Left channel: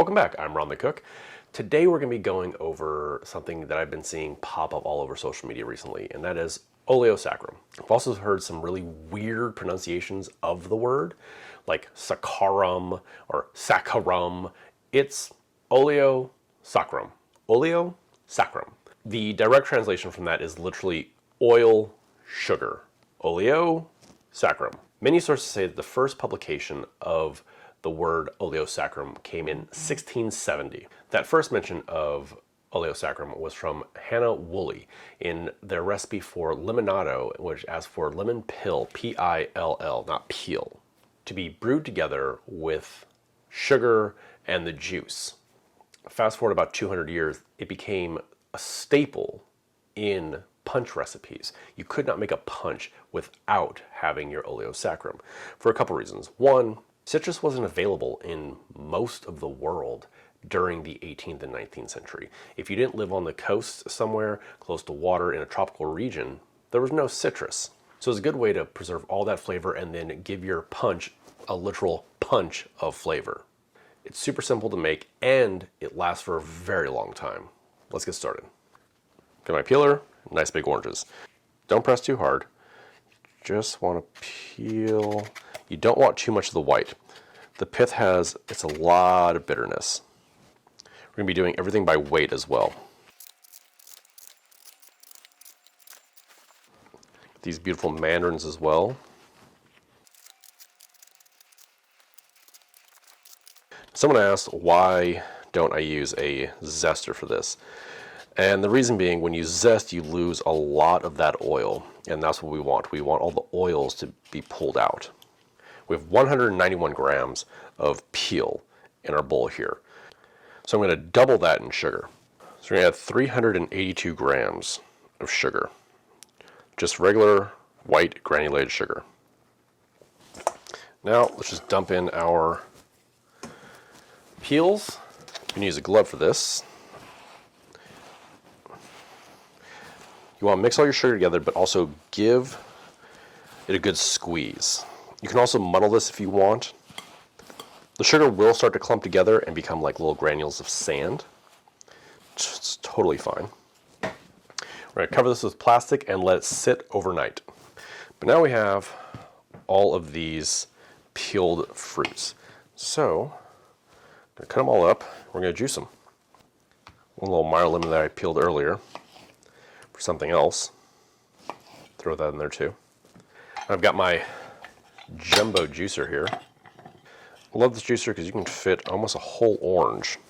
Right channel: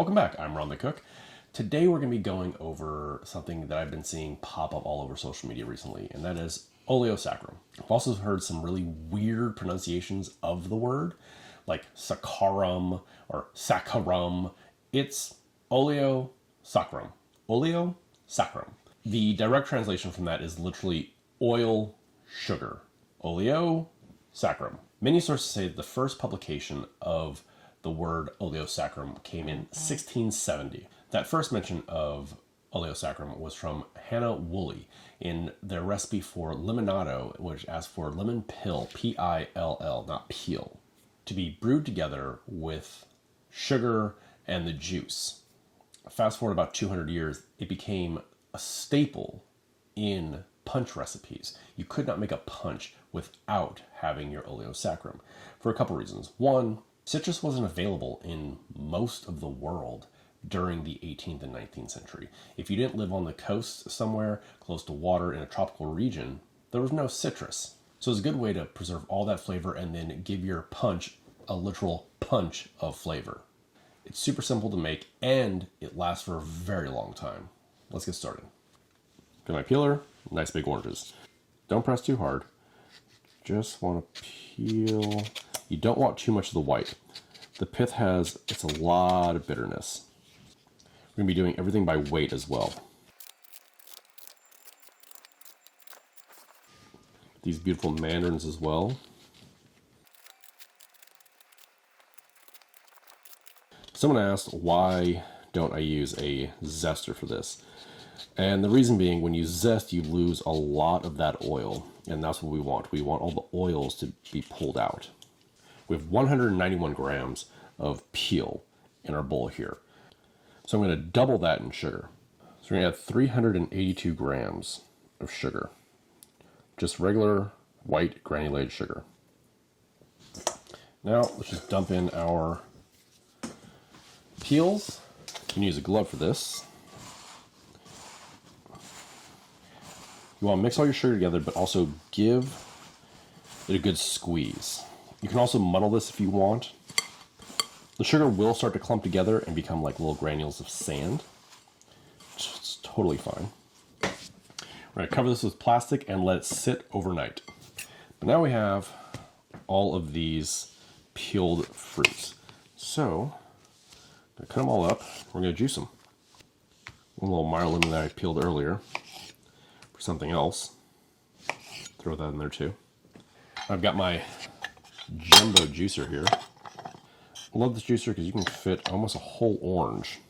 Welcome back, I'm Ron the Cook. Today we're going to be going over something that I've been seeing pop up all over social media recently, and that is Oleo Saccharum. I've also heard some really weird pronunciations of the word, like Saccharum or Saccharum. It's Oleo Saccharum. Oleo Saccharum. The direct translation from that is literally oil sugar. Oleo Saccharum. Many sources say that the first publication of the word Oleo Saccharum came in 1670. That first mention of Oleo Saccharum was from Hannah Woolley in their recipe for limonado, which asks for lemon pill, P-I-L-L, not peel, to be brewed together with sugar and the juice. Fast forward about 200 years, it became a staple in punch recipes. You could not make a punch without having your Oleo Saccharum for a couple reasons. One, citrus wasn't available in most of the world during the 18th and 19th century. If you didn't live on the coast somewhere close to water in a tropical region, there was no citrus. So it's a good way to preserve all that flavor and then give your punch a literal punch of flavor. It's super simple to make and it lasts for a very long time. Let's get started. Got my peeler, nice big oranges. Don't press too hard. Just want to peel. You don't want too much of the white. The pith it's a lot of bitterness. We're going to be doing everything by weight as well. These beautiful mandarins as well. Someone asked, why don't I use a zester for this? And the reason being, when you zest, you lose a lot of that oil. And that's what we want. We want all the oils to be pulled out. We have 191 grams of peel in our bowl here. So I'm going to double that in sugar. So we're going to add 382 grams of sugar. Just regular white granulated sugar. Now let's just dump in our peels. You can use a glove for this. You want to mix all your sugar together, but also give it a good squeeze. You can also muddle this if you want. The sugar will start to clump together and become like little granules of sand. It's totally fine. We're going to cover this with plastic and let it sit overnight. But now we have all of these peeled fruits. So, I'm going to cut them all up. We're going to juice them. One little Meyer lemon that I peeled earlier for something else. Throw that in there too. I've got my jumbo juicer here. I love this juicer because you can fit almost a whole orange,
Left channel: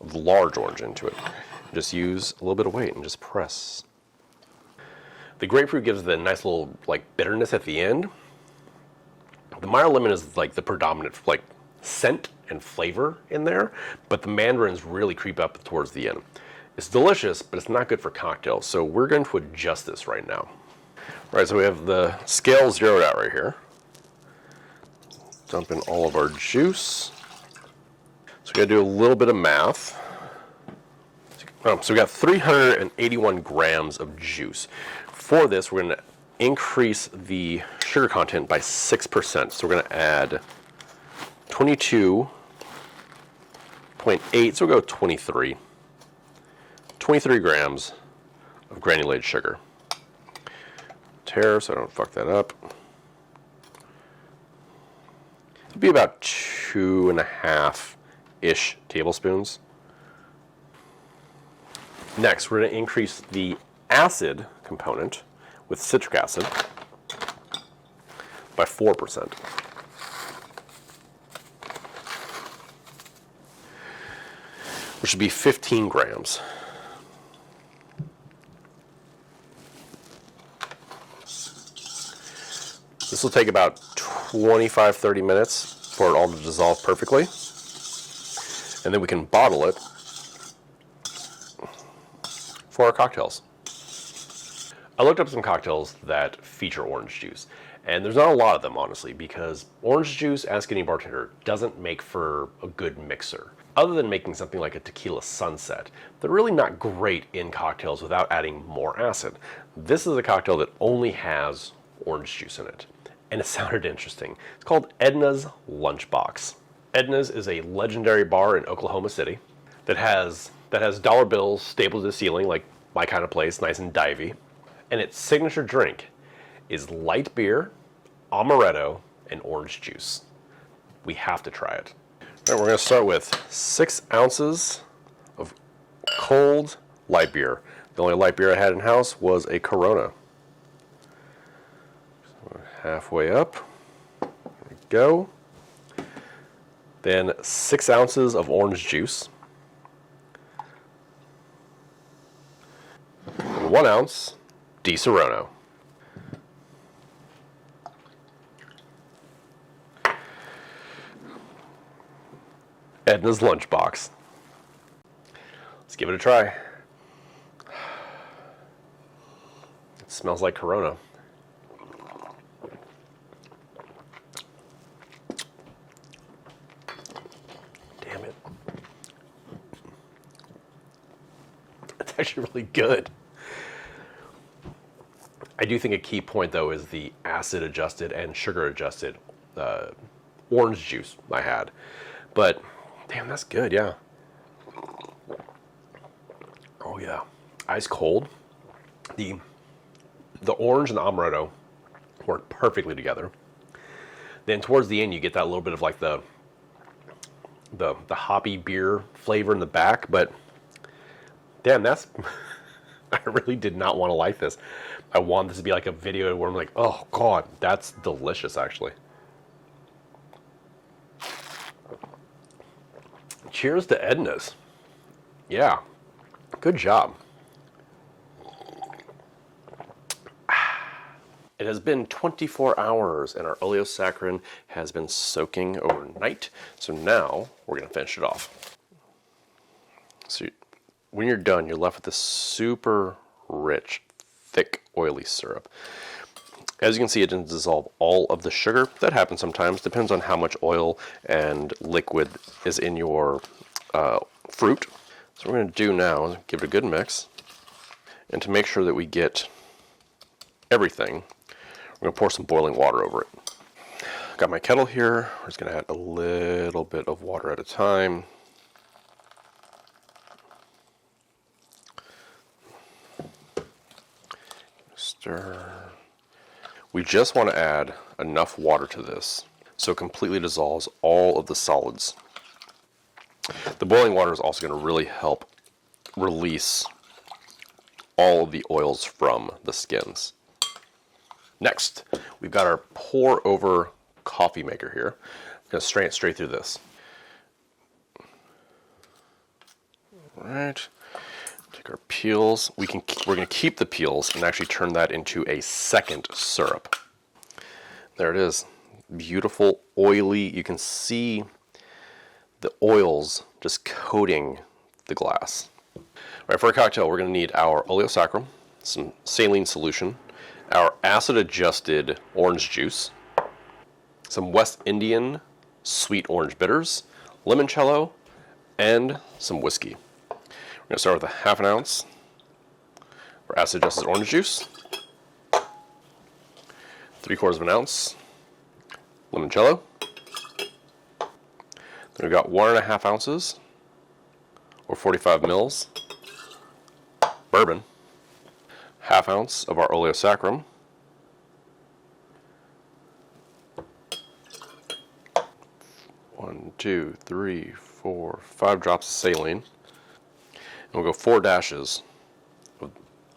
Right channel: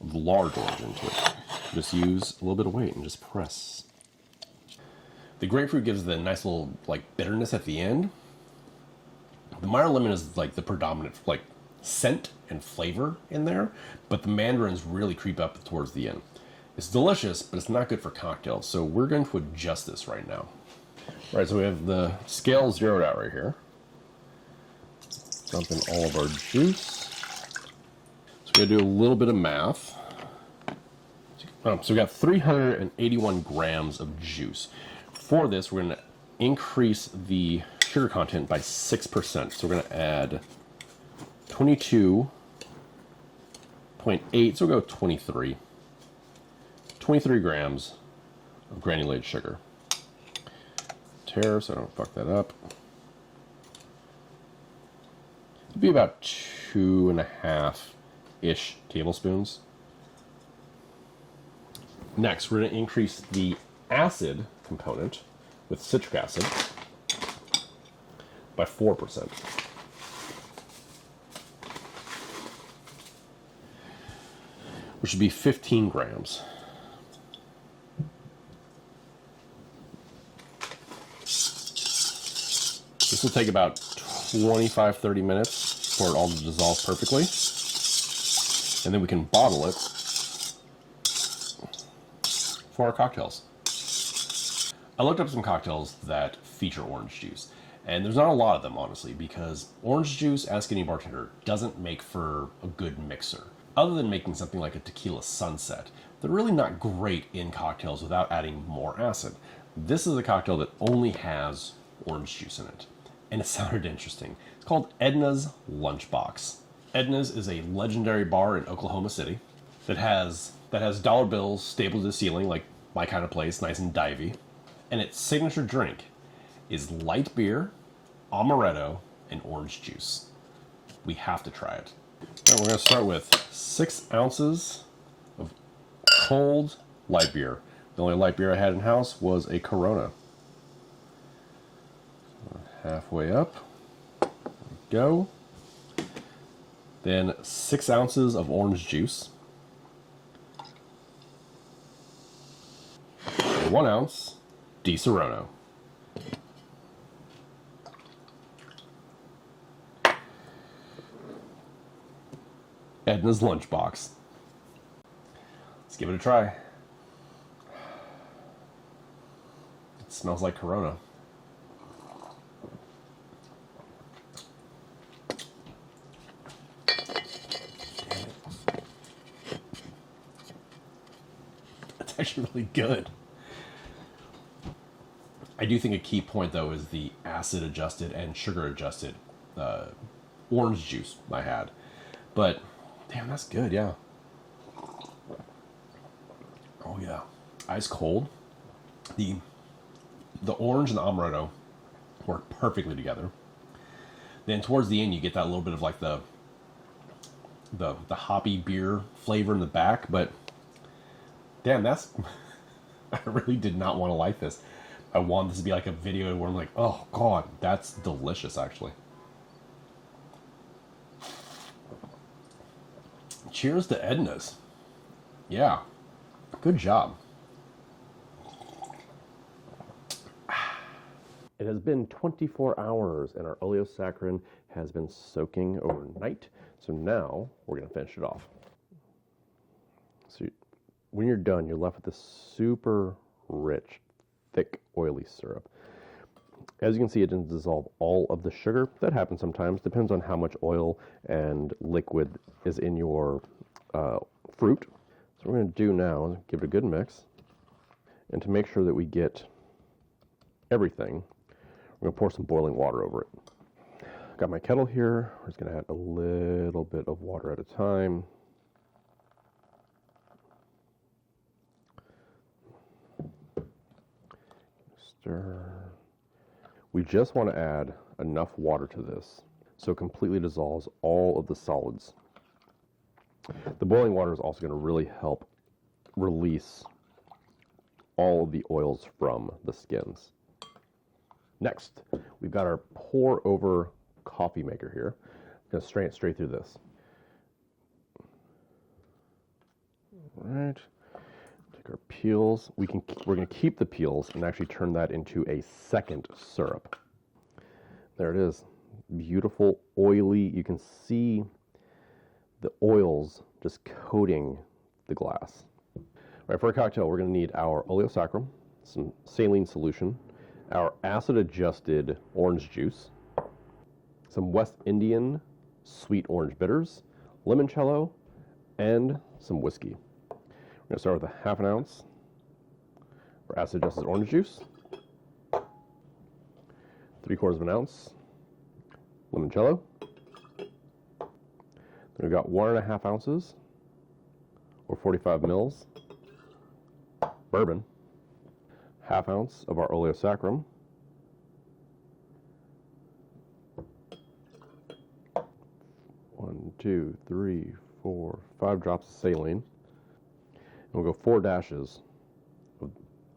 a large orange into it. Just use a little bit of weight and just press. The grapefruit gives the nice little bitterness at the end. The Meyer lemon is like the predominant scent and flavor in there, but the mandarins really creep up towards the end. It's delicious, but it's not good for cocktails, so we're going to adjust this right now. All right, so we have the scale zeroed out right here. Dump in all of our juice. So we gotta do a little bit of math. So we got 381 grams of juice. For this, we're gonna increase the sugar content by 6%. So we're gonna add 22.8, so we'll go 23. 23 grams of granulated sugar. Tare, so I don't fuck that up. It'll be about 2.5-ish tablespoons. Next, we're going to increase the acid component with citric acid by 4%. Which should be 15 grams. This will take about 25-30 minutes for it all to dissolve perfectly. And then we can bottle it for our cocktails. I looked up some cocktails that feature orange juice. And there's not a lot of them, honestly, because orange juice, ask any bartender, doesn't make for a good mixer. Other than making something like a tequila sunset, they're really not great in cocktails without adding more acid. This is a cocktail that only has orange juice in it. And it sounded interesting. It's called Edna's Lunchbox. Edna's is a legendary bar in Oklahoma City that has dollar bills stapled to the ceiling, like my kind of place, nice and divey. And its signature drink is light beer, amaretto, and orange juice. We have to try it. All right, we're going to start with 6 ounces of cold light beer. The only light beer I had in house was a Corona. So halfway up. There we go. Then 6 ounces of orange juice. 1 ounce Di Serono. Edna's lunchbox. Let's give it a try. It smells like Corona. Damn it. It's actually really good. I do think a key point, though, is the acid adjusted and sugar adjusted orange juice I had. But damn, that's good, yeah. Oh yeah, ice cold. The orange and the amaretto work perfectly together. Then towards the end, you get that little bit of like the hoppy beer flavor in the back. But damn, that's I really did not want to like this. I want this to be like a video where I'm like, oh god, that's delicious, actually. Cheers to Edna's. Yeah, good job. It has been 24 hours and our Oleo Saccharum has been soaking overnight. So now we're gonna finish it off. So when you're done, you're left with this super rich, thick, oily syrup. As you can see, it didn't dissolve all of the sugar. That happens sometimes. Depends on how much oil and liquid is in your fruit. So what we're going to do now is give it a good mix. And to make sure that we get everything, we're going to pour some boiling water over it. Got my kettle here. We're just going to add a little bit of water at a time. Stir. We just want to add enough water to this so it completely dissolves all of the solids. The boiling water is also going to really help release all of the oils from the skins. Next, we've got our pour over coffee maker here. I'm going to strain it straight through this. All right. Take our peels. We're going to keep the peels and actually turn that into a second syrup. There it is. Beautiful, oily. You can see the oils just coating the glass. All right, for our cocktail, we're going to need our Oleo Saccharum, some saline solution, our acid-adjusted orange juice, some West Indian sweet orange bitters, limoncello, and some whiskey. We're going to start with a 1/2 ounce for acid-adjusted orange juice, 3/4 ounce limoncello. Then we've got 1.5 ounces, or 45 mils, bourbon, 1/2 ounce of our Oleo Saccharum, 1, 2, 3, 4, 5 drops of saline. And we'll go 4 dashes of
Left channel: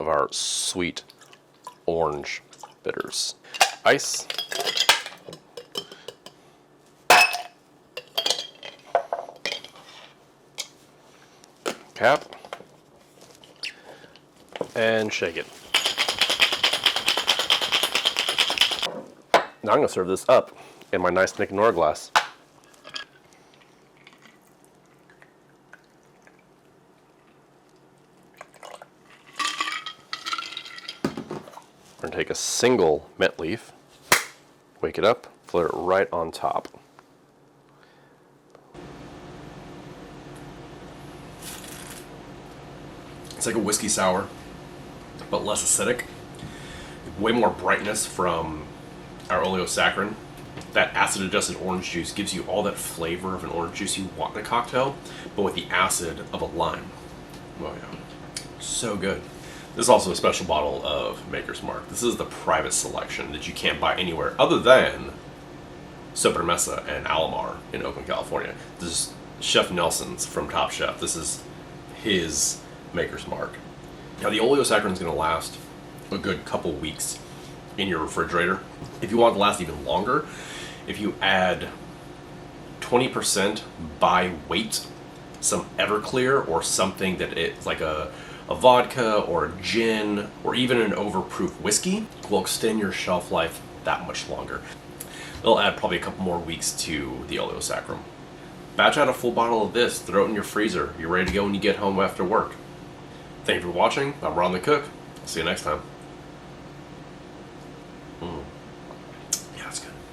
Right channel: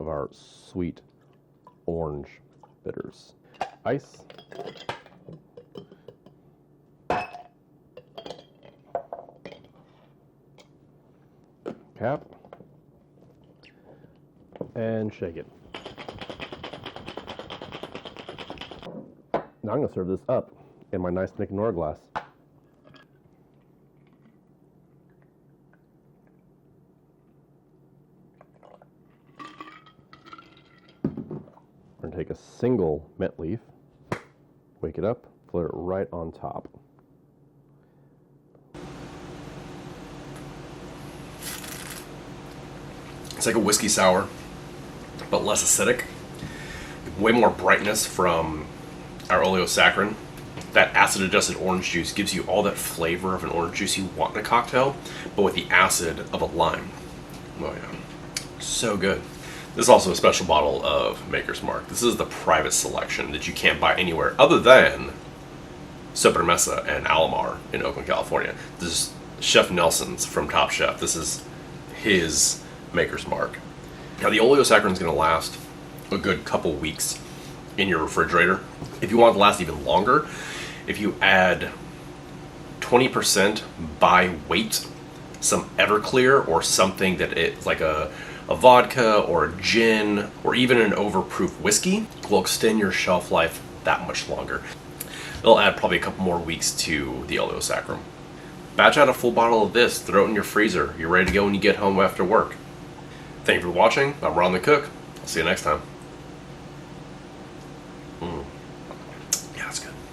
our sweet orange bitters. Ice. Cap. And shake it. Now I'm going to serve this up in my nice Nick Nora glass. We're going to take a single mint leaf, wake it up, put it right on top. It's like a whiskey sour, but less acidic. Way more brightness from our Oleo Saccharum. That acid-adjusted orange juice gives you all that flavor of an orange juice you want in a cocktail, but with the acid of a lime. Oh yeah, so good. This is also a special bottle of Maker's Mark. This is the private selection that you can't buy anywhere other than Sobremesa and Alomar in Oakland, California. This is Chef Nelson's from Top Chef. This is his Maker's Mark. Now the Oleo Saccharum is going to last a good couple weeks in your refrigerator. If you want it to last even longer, if you add 20% by weight, some Everclear or something that it's like a vodka or a gin or even an overproof whiskey, will extend your shelf life that much longer. It'll add probably a couple more weeks to the Oleo Saccharum. Batch out a full bottle of this, throw it in your freezer. You're ready to go when you get home after work. Thank you for watching. I'm Ron the Cook. I'll see you next time.